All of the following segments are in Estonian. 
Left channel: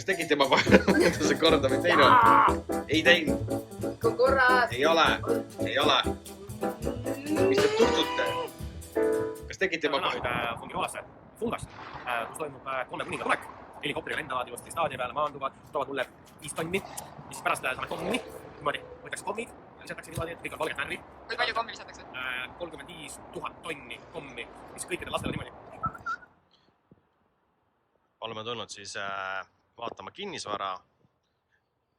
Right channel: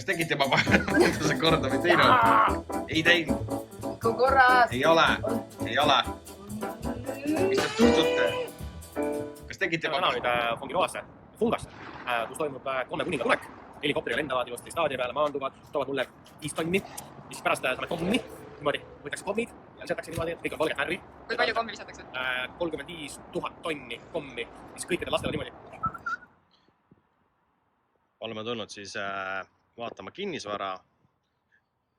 Kas tegid juba mõtluse korda või teinud? Ei teinud. Korras. Ei ole. Mis te tuttute? Kas tegid juba? Täna nüüd Fungiroasse, Fungasse, kus toimub komme kuninga tulek. Helikopteriga lendavad ilusti staadioni peale, maanduvad, toovad mulle 5 tonni, mis pärast saame kommi. Niimoodi võetakse kommid ja lisatakse niimoodi, kõik on valget värvi. Kui palju kommi lisatakse? 35 000 tonni kommi, mis kõikidel lastele niimoodi. Oleme tulnud siis vaatama kinnisvara.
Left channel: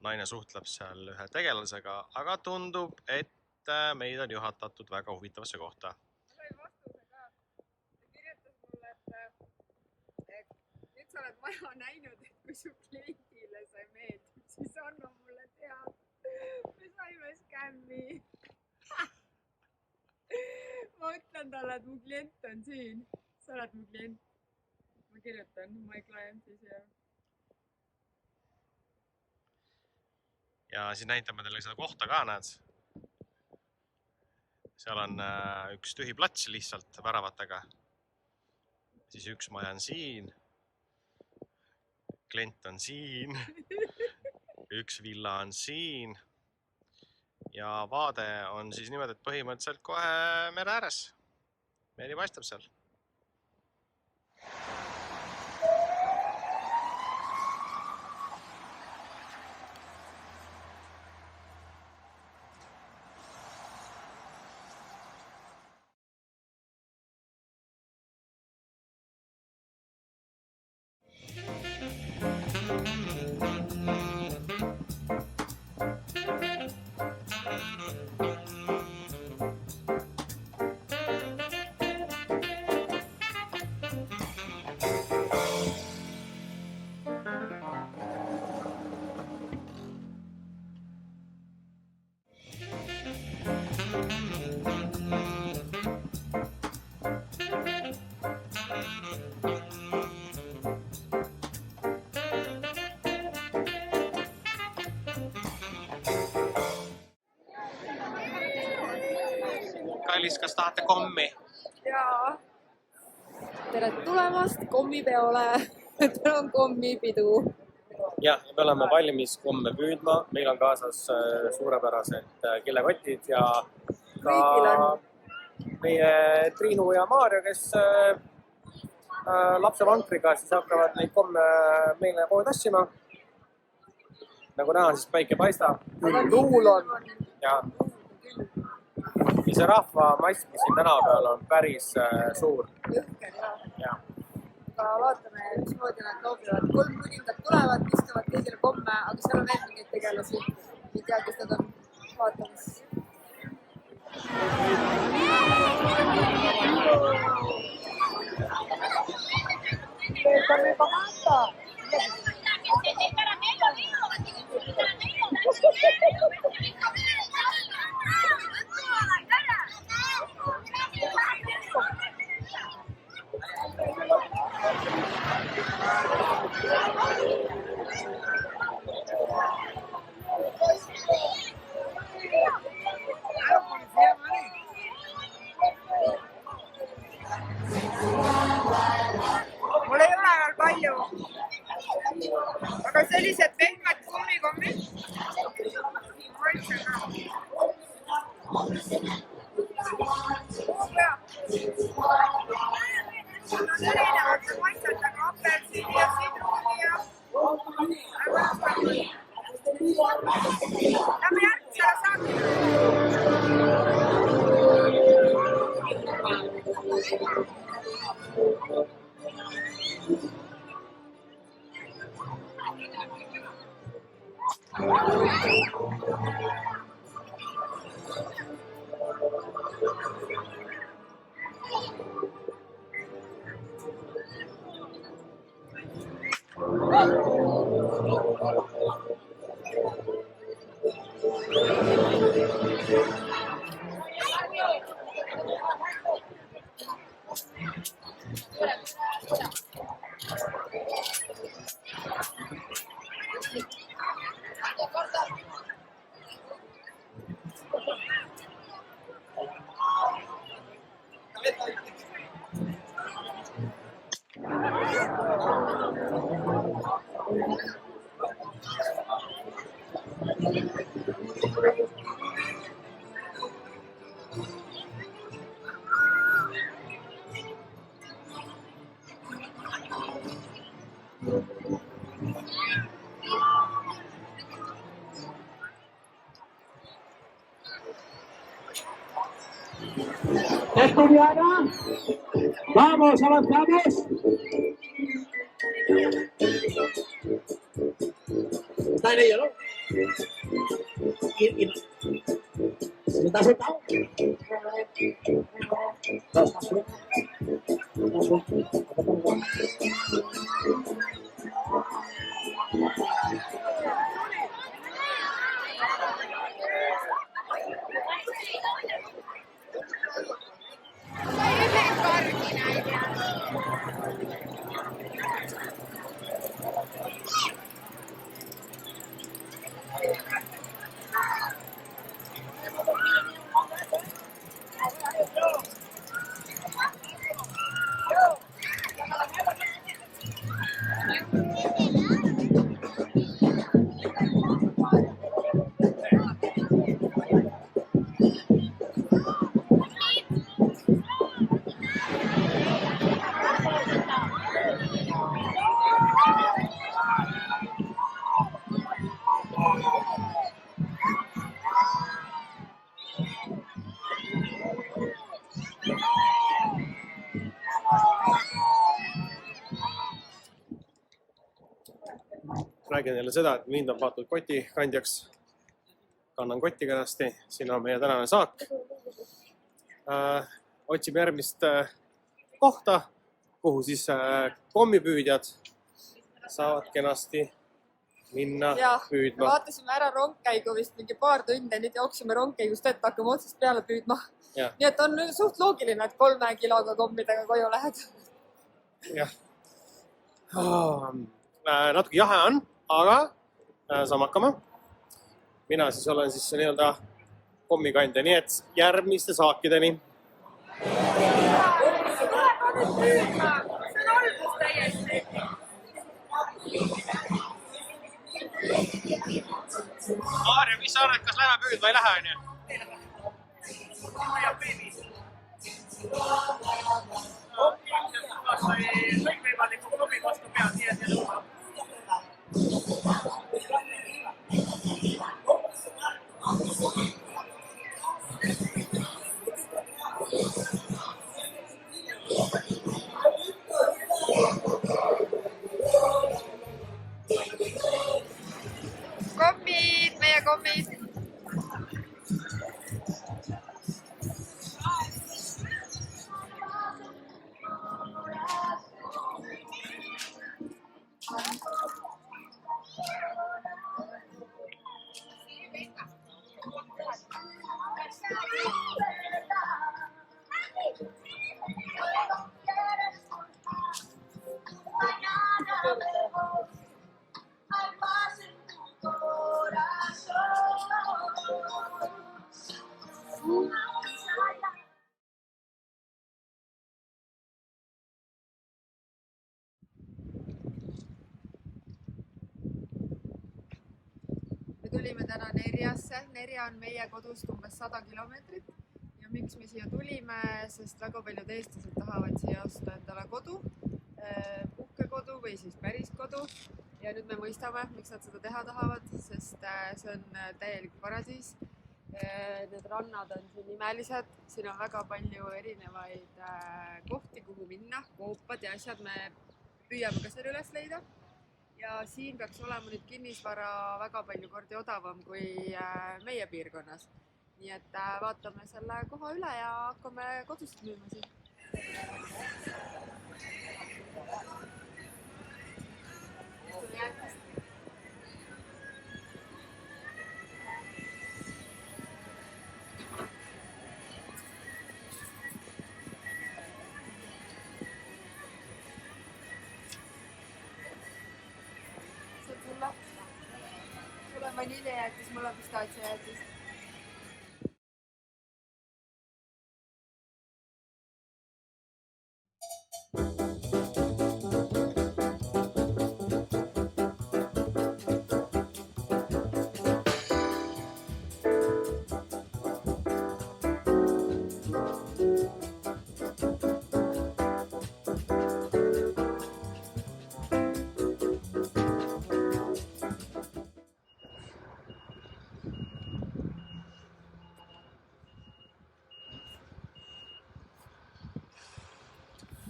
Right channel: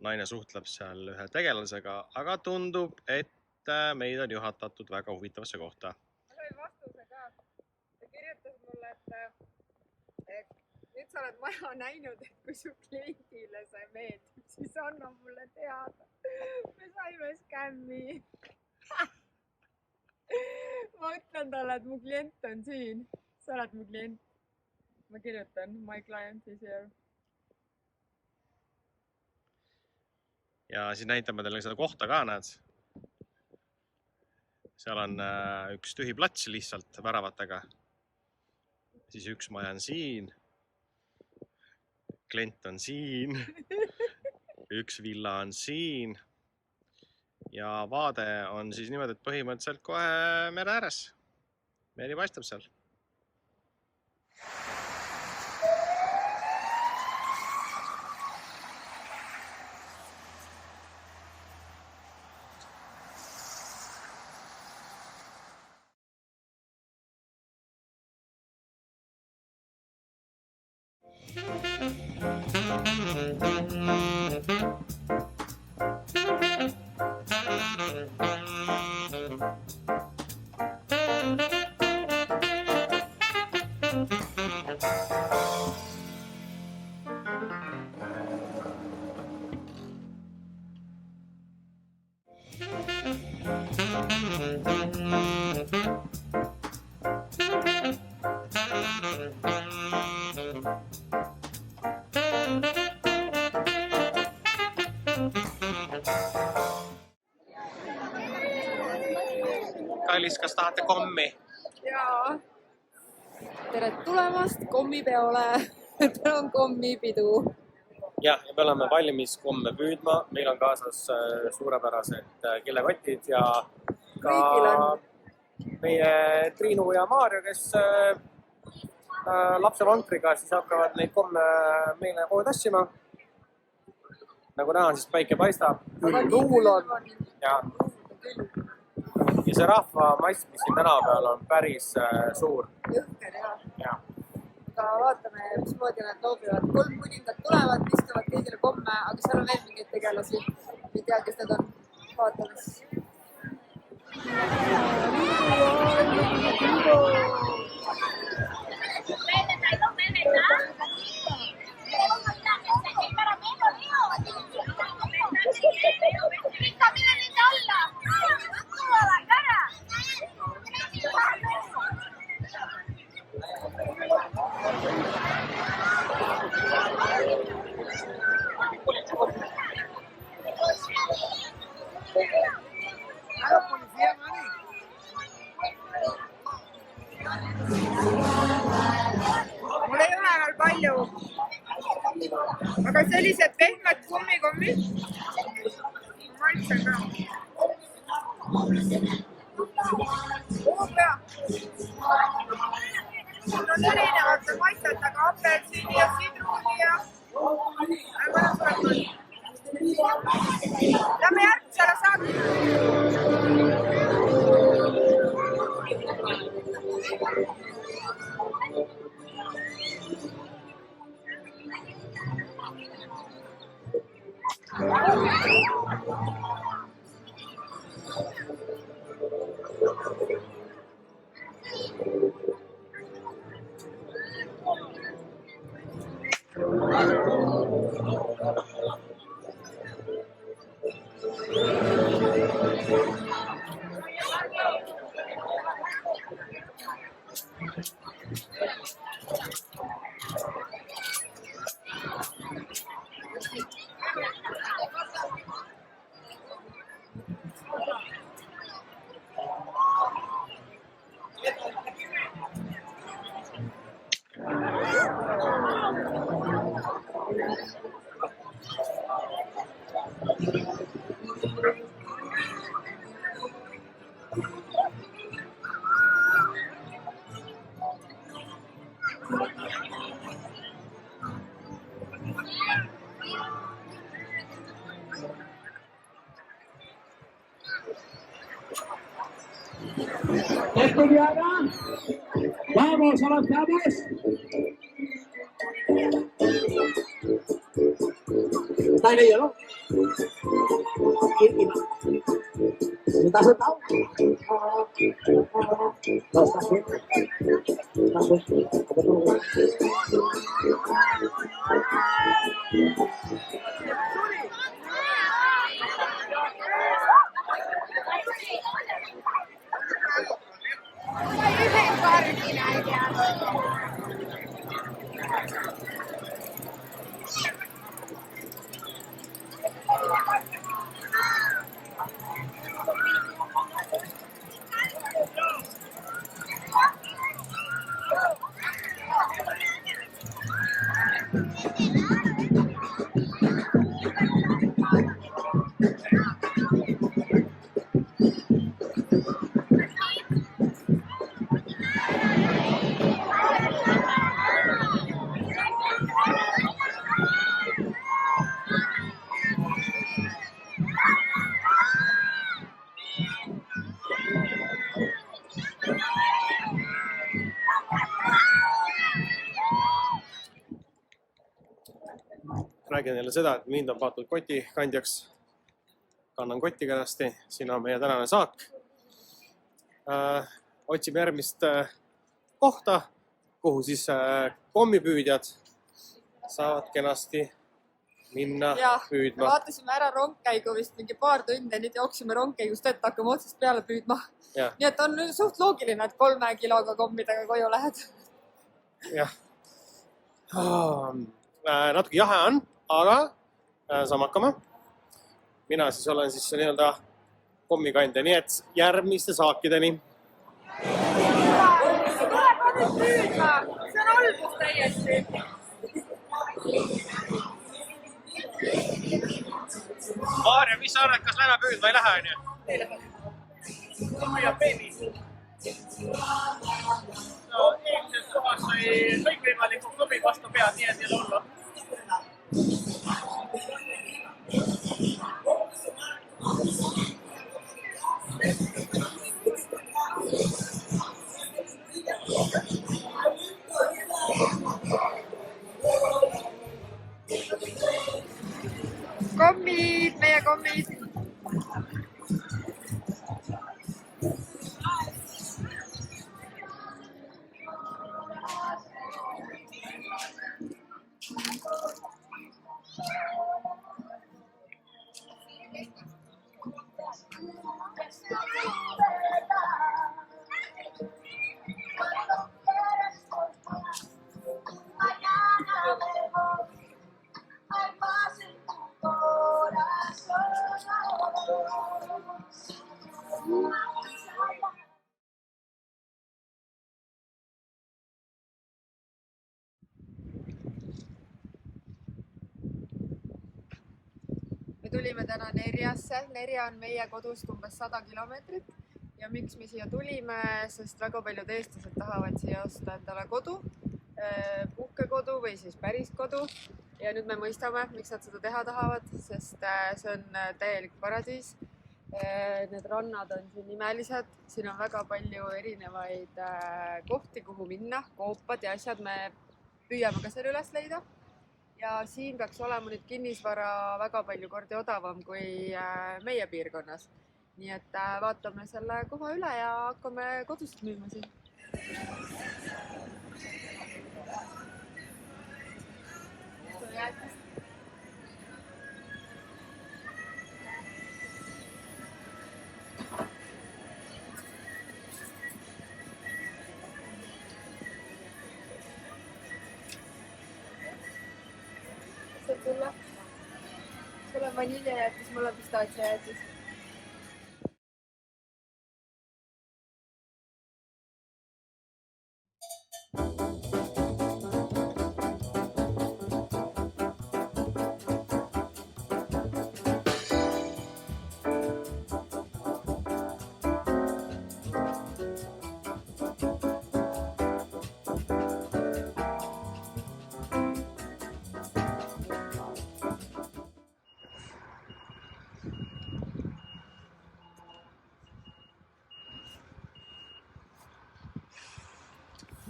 Naine suhtleb seal ühe tegelasega, aga tundub, et meid on juhatatud väga huvitavasse kohta. Ma sain vastuse ka. Ta kirjutas mulle, et nüüd sa oled maja näinud, et kui su kliendile see meeldib, siis anna mulle teada. Me saime skämmi. Ma ütlen talle, et mu klient on siin. Sa oled mu klient. Ma kirjutan, my client is here. Ja siis näitame teile seda kohta ka, näed. Seal on üks tühi plats lihtsalt väravatega. Siis üks maja on siin. Klient on siin. Üks villa on siin. Ja vaade on siis niimoodi, et põhimõtteliselt kohe mere ääres. Meri paistab seal. Kallis, kas tahate kommi? Jaa. Tere tulemast kommipeole. Täna on kommipidu. Ja me oleme valmis komme püüdma. Meil on kaasas suurepärased kilekotid ja ka meie Triinu ja Maarja, kes lapsevankriga siis hakkavad neid komme meile kogu tassima. Nagu näha, siis päike paistab. Tuul on. Ja see rahvamass, mis siin tänava peal on päris suur. Jõhker, jah. Aga vaatame, mismoodi nad loobivad. 3 kuningat tulevad, istuvad kõigile komme, aga seal on veel mingeid tegelasi. Ei tea, kes nad on vaatamas. Mul ei ole veel palju, aga sellised pehmed kummikommid ma maitsen ka. Pea. Need on erinevate maitsetega apelsini ja sidruuni ja mõned suletud. Lähme järgmisele saatile. Estudiana, vamos, avanzamos. Está en ello, ¿no? Y no. ¿Está sentado? No, está suelto. Está suelto. Räägin jälle seda, et mind on paotud kotikandjaks. Kannan kotti kenasti. Siin on meie tänane saak. Otsime järgmist kohta, kuhu siis kommipüüdjad saavad kenasti minna püüdma. Vaatasime ära rongkäigu vist mingi paar tundi, nüüd jooksime rongkäigust ette, hakkame otsast peale püüdma. Nii et on suht loogiline, et 3 kiloga kommidega koju lähed. Jah. Natuke jahe on, aga saame hakkama. Mina siis olen siis nii-öelda kommikandja, nii et järgmiste saakideni. See on algus täiesti. Maarja, mis sa arvad, kas lähme püüdma ei lähe? Ei lähe. Kommi ja peeni. No, eelmises kohas sai kõikvõimaliku kommi vastu pead, nii et ei ole hullu. Kommid, meie kommid. Tulime täna Nerjasse. Nerja on meie kodust umbes 100 kilomeetrit ja miks me siia tulime, sest väga paljud eestlased tahavad siia osta endale kodu, puhkekodu või siis päris kodu. Ja nüüd me mõistame, miks nad seda teha tahavad, sest see on täielik paradiis. Need rannad on siin imelised, siin on väga palju erinevaid kohti, kuhu minna, koopad ja asjad. Me püüame ka selle üles leida. Ja siin peaks olema nüüd kinnisvara väga palju kordi odavam kui meie piirkonnas. Nii et vaatame selle koha üle ja hakkame kodust müüma siin. Sul on vaniljajäätis, mul on pistaatsiajäätis.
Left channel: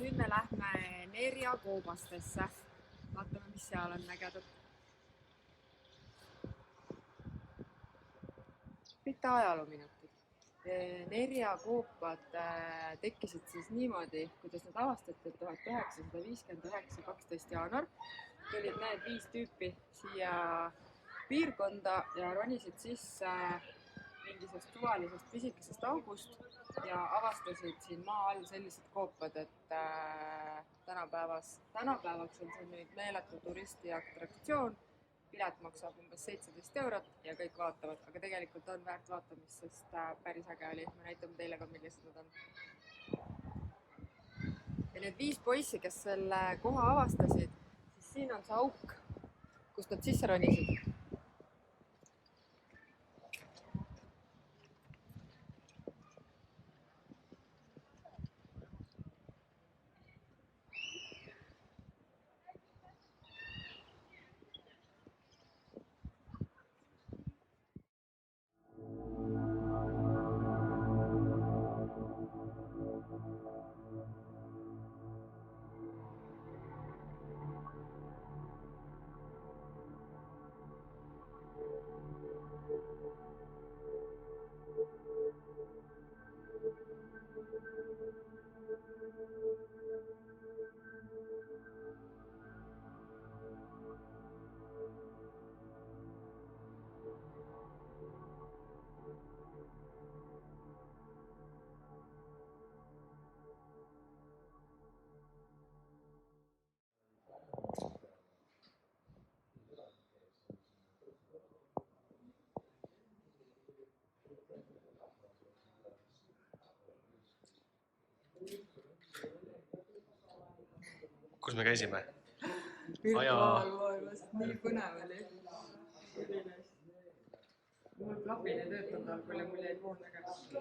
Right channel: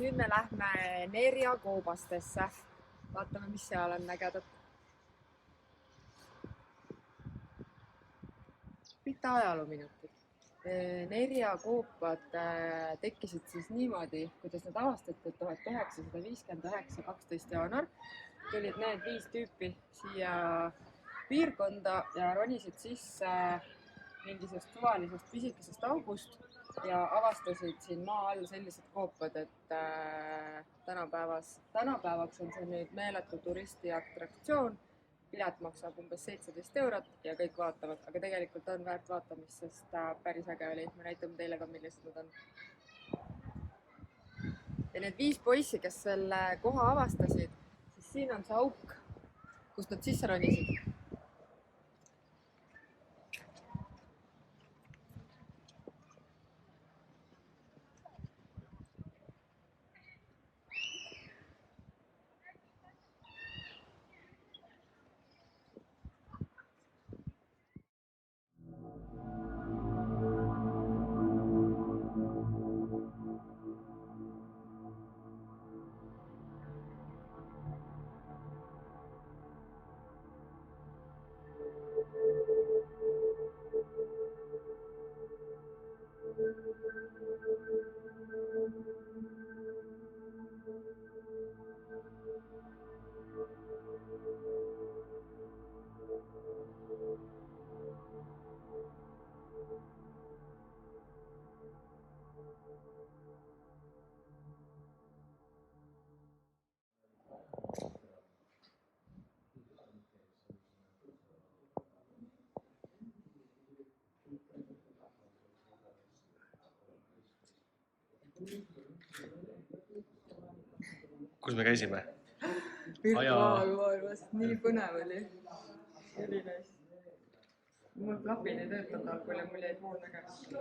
nüüd me lähme Nerja koobastesse. Vaatame, mis seal on ägedat. Mitte ajaloominutid. Nerja koopad tekkisid siis niimoodi, kuidas nad avastati 1959, 12 jaanuar. Tulid need 5 tüüpi siia piirkonda ja ronisid sisse mingisugust suvalisest pisikesest august ja avastasid siin maa all sellised koopad, et tänapäevaks on see nüüd meeletu turisti atraktsioon. Pilet maksab umbes 17 eurot ja kõik vaatavad, aga tegelikult on väärt vaatamist, sest päris äge oli. Me näitame teile ka, millised nad on. Ja need 5 poissi, kes selle koha avastasid, siis siin on see auk, kust nad sisse ronisid. Kus me käisime? Virtuaalmaailmas, nii põnev oli. Mul klapid ei töötanud algul ja mul jäi pool nägemist.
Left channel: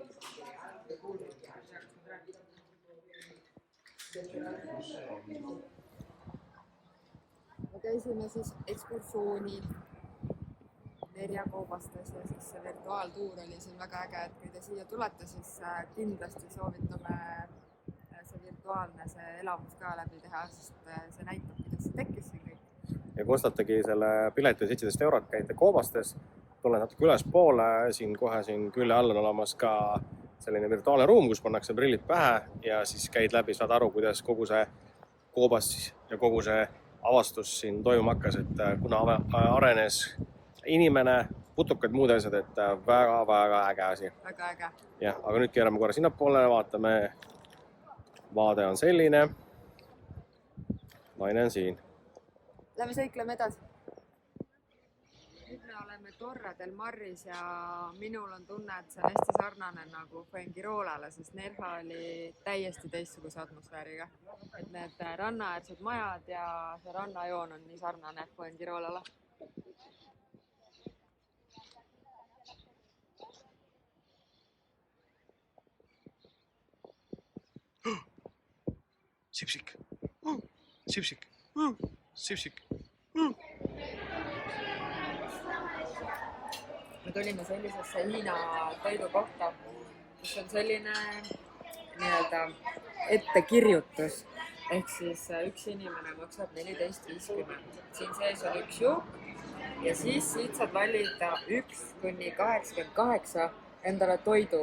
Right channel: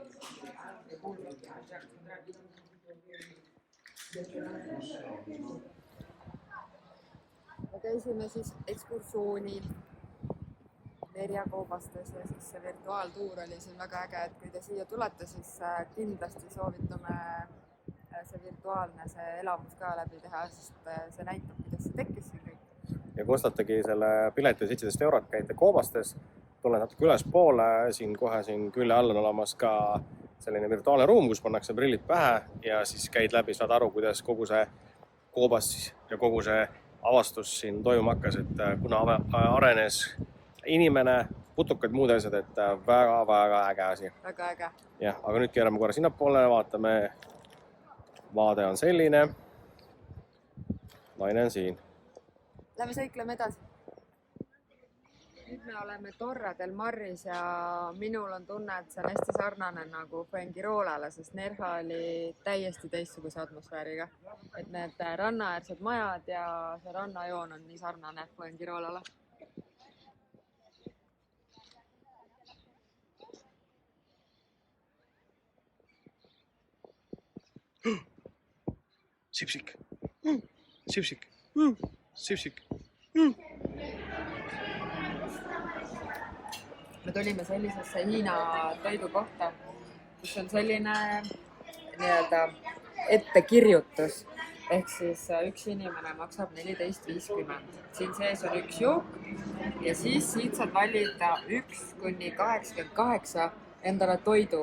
Ei kuulnud, et kas nad räägivad. Me käisime siis ekskursioonil Nerja koobastes ja siis see virtuaaltuur oli siin väga äge, et kui te siia tulete, siis kindlasti soovitame see virtuaalne elamus ka läbi teha, sest see näitab, kuidas see tekkis siin kõik. Ja kui ostatagi selle pileti 17 eurot, käite koobastes, tuled natuke ülespoole, siin kohe siin külje all on olemas ka selline virtuaalne ruum, kus pannakse prillid pähe ja siis käid läbi, saad aru, kuidas kogu see koobas ja kogu see avastus siin toimuma hakkas, et kuna arenes inimene, putukad, muud asjad, et väga-väga äge asi. Väga äge. Jah, aga nüüd keerame korra sinnapoole, vaatame. Vaade on selline. Naine on siin. Lähme sõikleme edasi. Nüüd me oleme Torre del Maris ja minul on tunne, et see on hästi sarnane nagu Fuengiroolale, sest Nerja oli täiesti teistsuguse atmosfääriga. Et need rannaäärsed majad ja see rannajoon on nii sarnane Fuengiroolale. Sipsik. Sipsik. Sipsik. Me tulime sellisesse Hiina toidukohta, kus on selline nii-öelda ettekirjutus. Ehk siis üks inimene maksab 14,50. Siin sees on üks jook ja siis siit saad valida 1–88 endale toidu.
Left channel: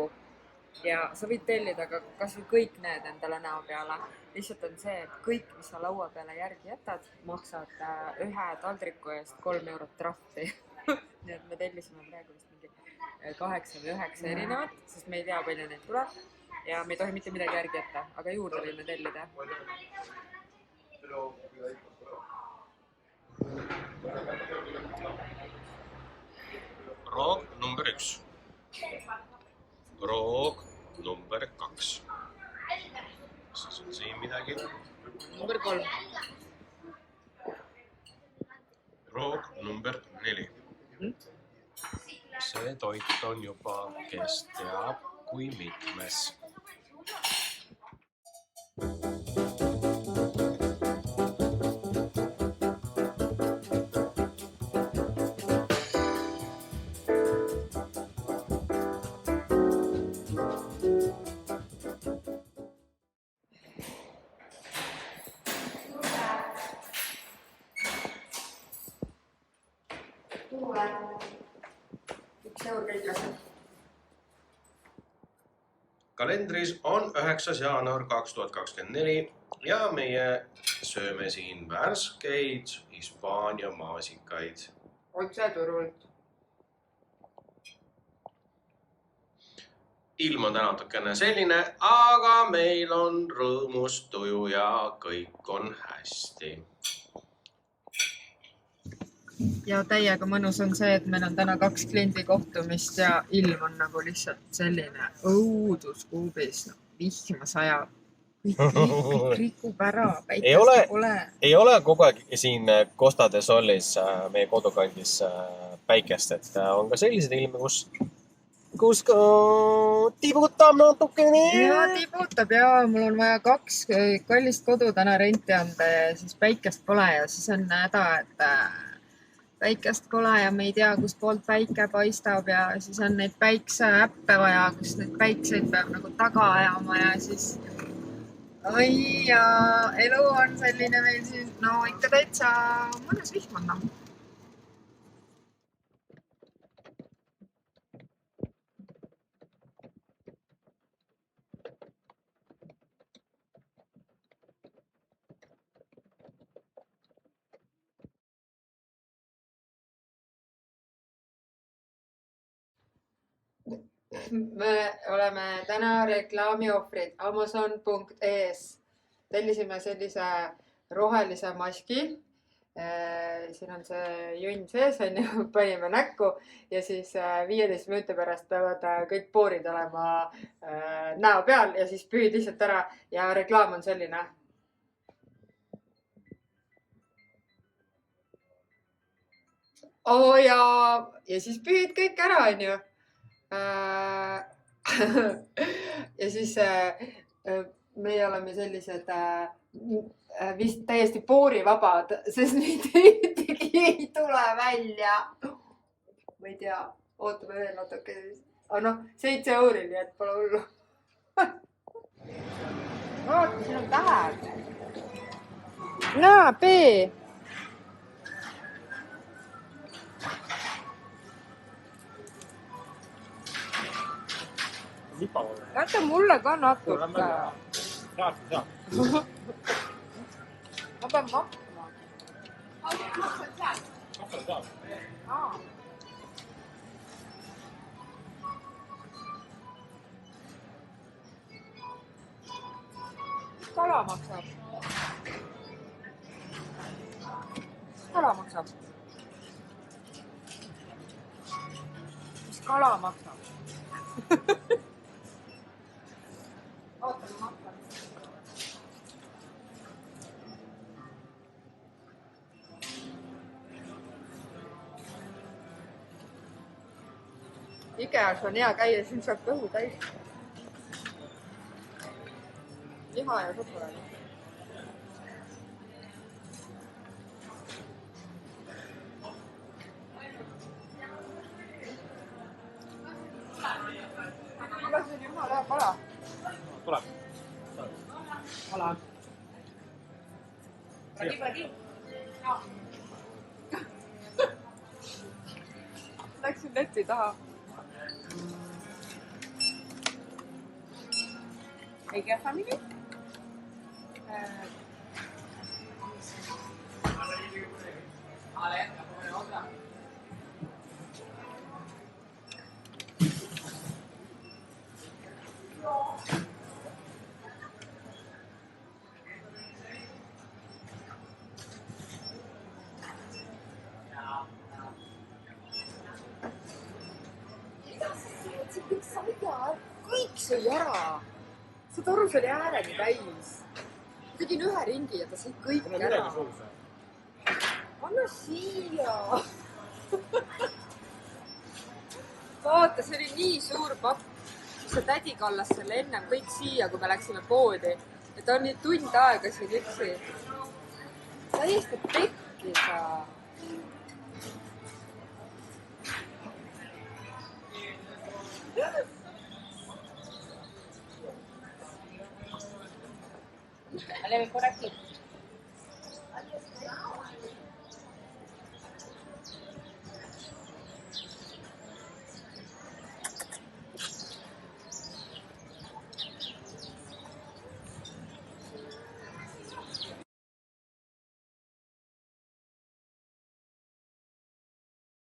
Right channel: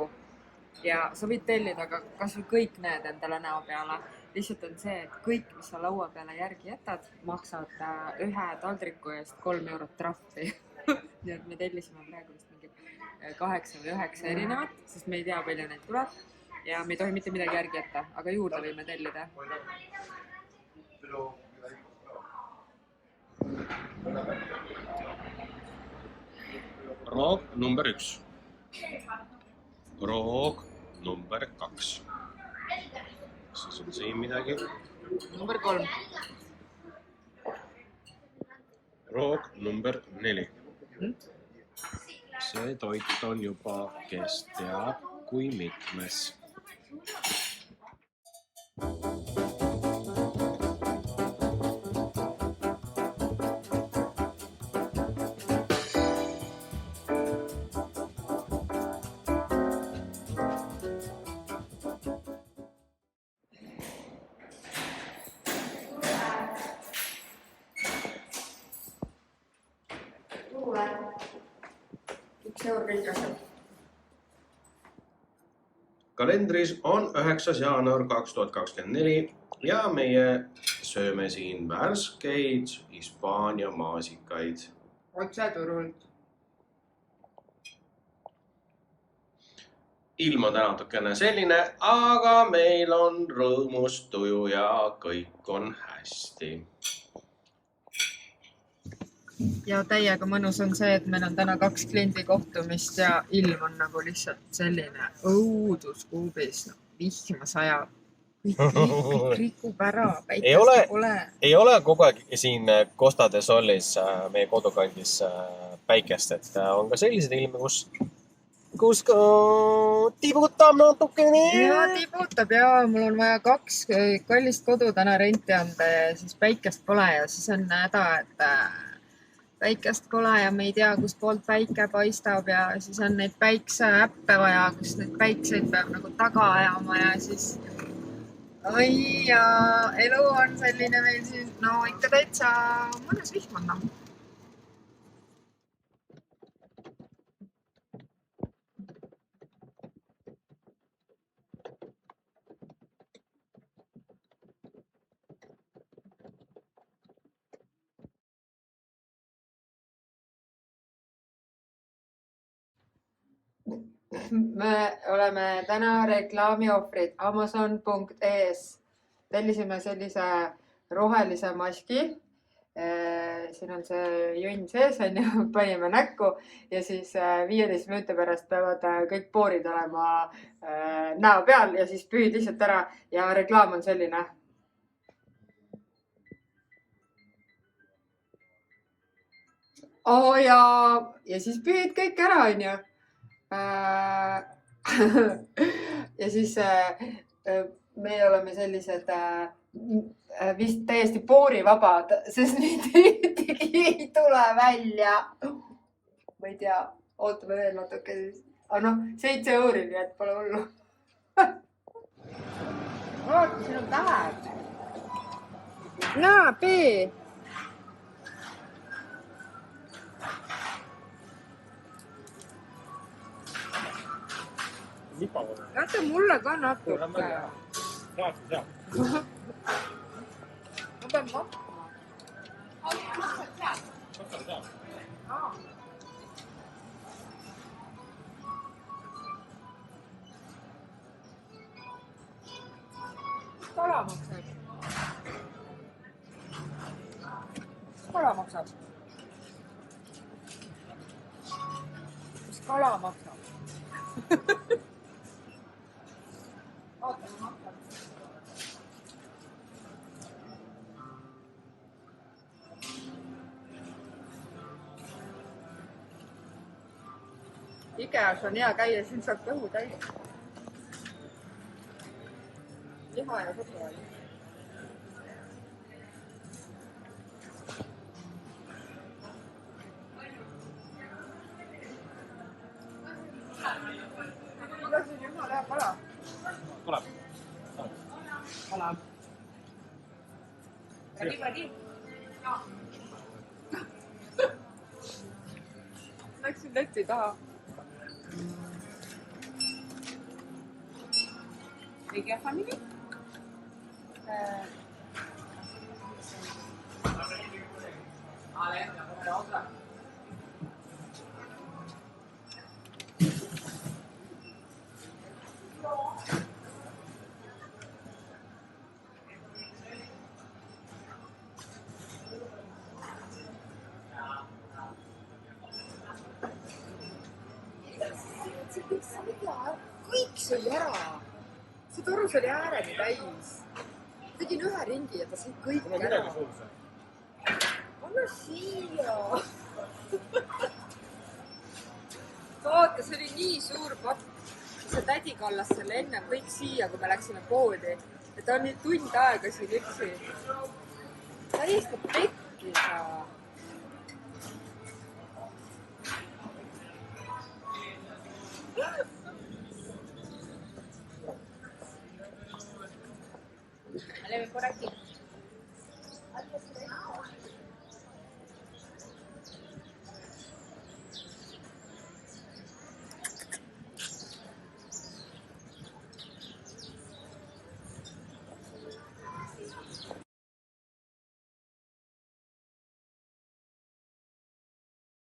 Ja sa võid tellida ka kas või kõik need endale näo peale. Lihtsalt on see, et kõik, mis sa laua peale järgi jätad, maksad ühe taldriku eest 3 eurot trahvi. Nii et me tellisime praegu vist mingi 8 või 9 erinevat, sest me ei tea, palju neid tuleb. Ja me ei tohi mitte midagi järgi jätta, aga juurde võime tellida. Roog number 1. Roog number 2. Siis on siin midagi. Number 3. Roog number 4. See toit on juba, kes teab, kui mitmes. eur kõik asjad. Kalendris on 9. jaanuar 2024 ja meie sööme siin värskeid Hispaania maasikaid. Otse turult. Ilm on täna natukene selline, aga meil on rõõmus tuju ja kõik on hästi. Ja täiega mõnus on see, et meil on täna 2 kliendi kohtumist ja ilm on nagu lihtsalt selline õuduskuubis. Vihma sajab. Kõik rikub ära, päikest pole. Ei ole kogu aeg siin Costa de Solis meie kodukandis päikest, et on ka sellised ilmi, kus tibutab natukene. Ja tibutab ja mul on vaja 2 kallist kodu täna renti anda ja siis päikest pole ja siis on häda, et päikest pole ja me ei tea, kust poolt päike paistab ja siis on neid päikseäppe vaja, kus neid päikseid peab nagu taga ajama ja siis oi ja elu on selline meil siin, no ikka täitsa mõnus vihm on. Me oleme täna reklaamiohvrid Amazon.es. Tellisime sellise rohelise maski. Siin on see junn sees, panime näkku ja siis 15 minuti pärast peavad kõik poorid olema näo peal ja siis püüd lihtsalt ära ja reklaam on selline. Ja siis püüd kõik ära, onju. Ja siis meie oleme sellised vist täiesti poorivabad, sest neid ei tule välja. Ma ei tea, ootame veel natuke siis. Aga noh, 7 euri, nii et pole hullu. Vaata, siin on tähed. Näe, B. Jäta mulle ka natuke. Saab. Ma pean makkuma. Mis kala maksab? Mis kala maksab? Oota, ma maksan. Ikeas on hea käia, siin saab kõhu täis. Liha ja šokolaadi. Aga siin jumala hea kala. Tule. Kala. Pagi. Läksin leti taha. Ega family? Kõik sõi ära. See torus oli ääreni täis. Tegin 1 ringi ja ta sõi kõik ära. Anna siia. Vaata, see oli nii suur pakk. See tädi kallas selle enne kõik siia, kui me läksime poodi. Ja ta on nii tund aega siin üksi. Täiesti pekkis. Oleme por aquí.